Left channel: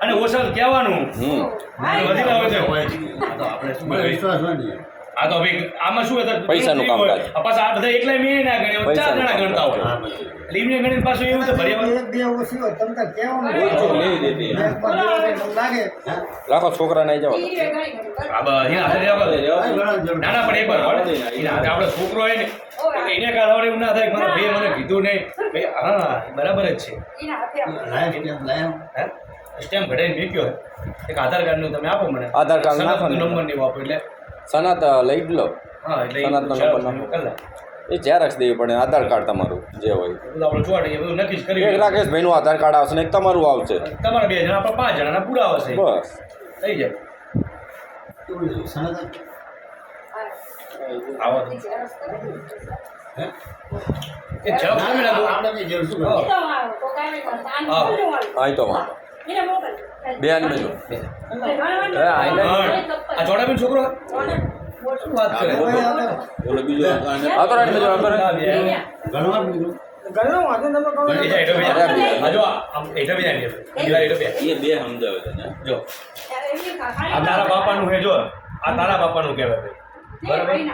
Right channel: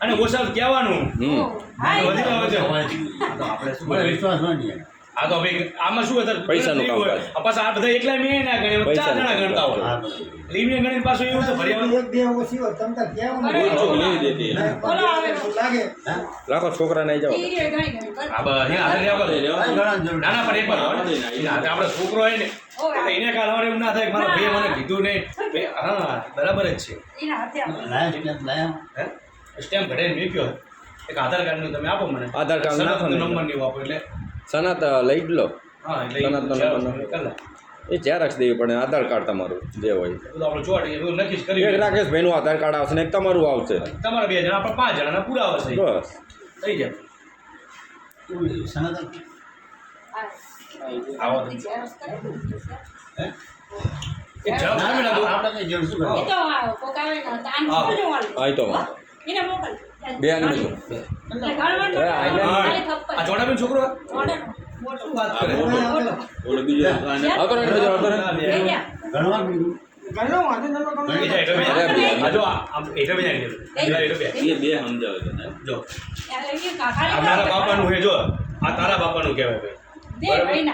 અને ઓછા કહેવાનું વિશ્વાસ હોય ને આ તો ભાઈ આમાં શું હતું પૈસાનું કામકાજ. પાછા આ બધા એકલા મીએ ના ગણે 4 જણા ગણતા હોય એટલે એમને ગણીને પાછું એવું તો ભર્યા એક બે ઓછી હોય તમ તાર કહેવાનું લાગે લાખો છોકરા નહીં જાવ આ નાના પણ એક વાર આપણે છોકરો હોય ને એટલે એને કાઢવાનું એવું ના થાય કે મારા ભાઈએ મને કીધું નહીં હા બરાબર જ છે સ્ટેમ્પ ઘટાઈને મૂક્યો એક આધાર કાર્ડનું તમે આપો મને આધાર કાર્ડ નાખો ને. નંબર નહીં આપો એટલે સનત લઈ જ લો. હા એટલે સનતનો નંબર નાખો. એ ઝેરોક્ષ દેવી પડે આધાર કાર્ડ તમારું જે હોય. આપણે ચોટી બધું નક્કી જ એક કર્યું રાકેશભાઈનું આધાર કાર્ડ આવશે ને એક તમારું આવશે. તમારા 2 જણા આપણે 5 જણાના પૂરા આવશે બસ થઈ જાય આવો એક જવાબ આપી નાખો. આપણે જેવું શું હા એ તો વાંધો બે આની બાજુ. આ જોડાબેન છોકરો શું વાત કરે બોલો બીજો આગળ આની બાજુ આગળ. ગણવા બીજું આ જો એટલે બીજા બે સમજાવે છે ને. જો આ તારા બાપાનું હે જો આ તારા બાપાનું કહેવાય ભાઈ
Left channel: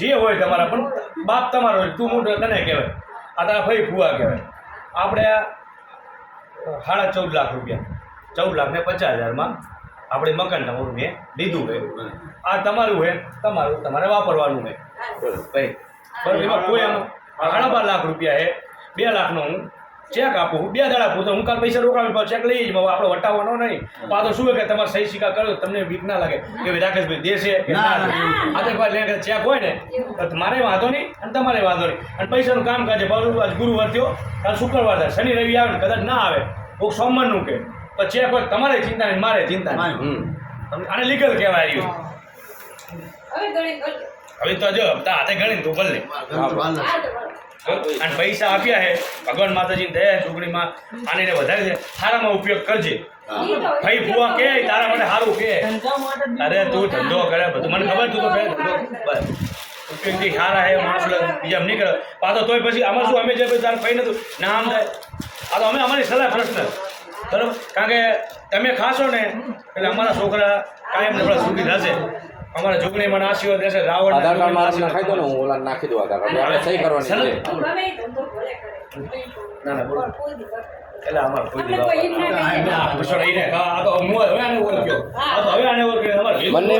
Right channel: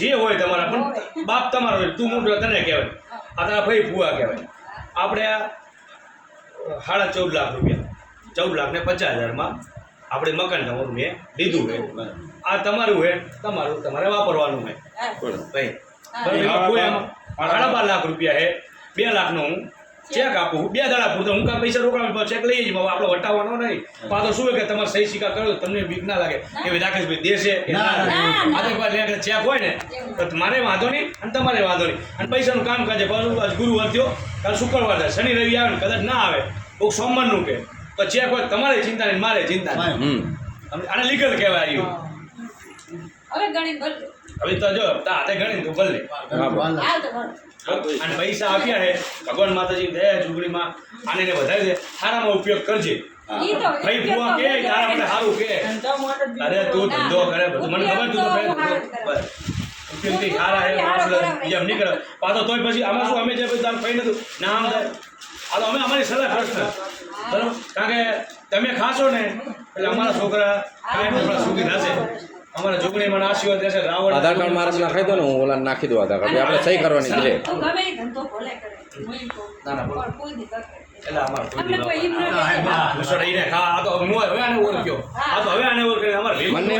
જે હોય તમારા પણ બાપ તમારો હોય તું મોટો તને કહેવાય આ તારા ભાઈ ફુવા કહેવાય આપણે 14.5 લાખ રૂપિયા 14,50,000 આપણે મકાન તમારું મેં લીધું છે આ તમારું છે તમારું તમારે વાપરવાનું છે ભાઈ બરાબર એમાં કોઈ આમ 12.5 લાખ રૂપિયા છે 2 લાખનો હું ચેક આપું 2 દાડા પૂરતો હું કાલ પૈસા રોકાવી ચેક લઈ જઈશ આપણે વટાવવાનો નહીં તો આ તો શું કે તમારે સહી સિક્કા કરો તમને બીક ના લાગે કે રાકેશભાઈ દેશે કે આ તો ચેક હોય ને તો મારે વાંધો નહીં અને તમારે વાંધો નહીં અને પૈસાનું કામ કાજે ગુરુવાર થયો કાલ શુક્રવાર થાય શનિ રવિ આવે ને કદાચ ના આવે કોઈક સોમવારનું કે તો ચેક હોય તમારે ચિંતા નહીં મારે ચિંતા નહીં આને લીગલ કહેવાય હવે તો જો હાથે ગણી તું ભલે અને પૈસા આપ્યા છે ભગવાન માતાજી દયા છોકરીમાં આને વધારે છે સારામાં ઉપયોગ કરજે ભાઈ ફુવા કે તારા માટે સારું કે અરે તું ધંધો કરે બધું મને ખબર તું તો બસ ઉપયોગથી સારા હે માણસ બીજા નહીં કરે પાછો તોય પછી આમાં શું અમે જે તારું કઈ નતું ના આમ થાય આ તો અમે અમારી સલાહ પ્રશ્ન બરાબર કારણ કે તમે ખાશો ને એટલે અમારા છોકરા કાયમ સુખી થશે અમારા જોગણી મને આશીર્વાદ રહેશે રાવણ આધાર કાર્ડ મારા નાખી દો ને હું ઓલા નાખી દઉં આધાર કાર્ડ આપણે સહી કરવાની છે ના ના બોલો એટલે અમારે કોઈ દી આ તો હવે આને ઓળખ્યો આ તો હવે આને ઓળખ્યો અમારે બંને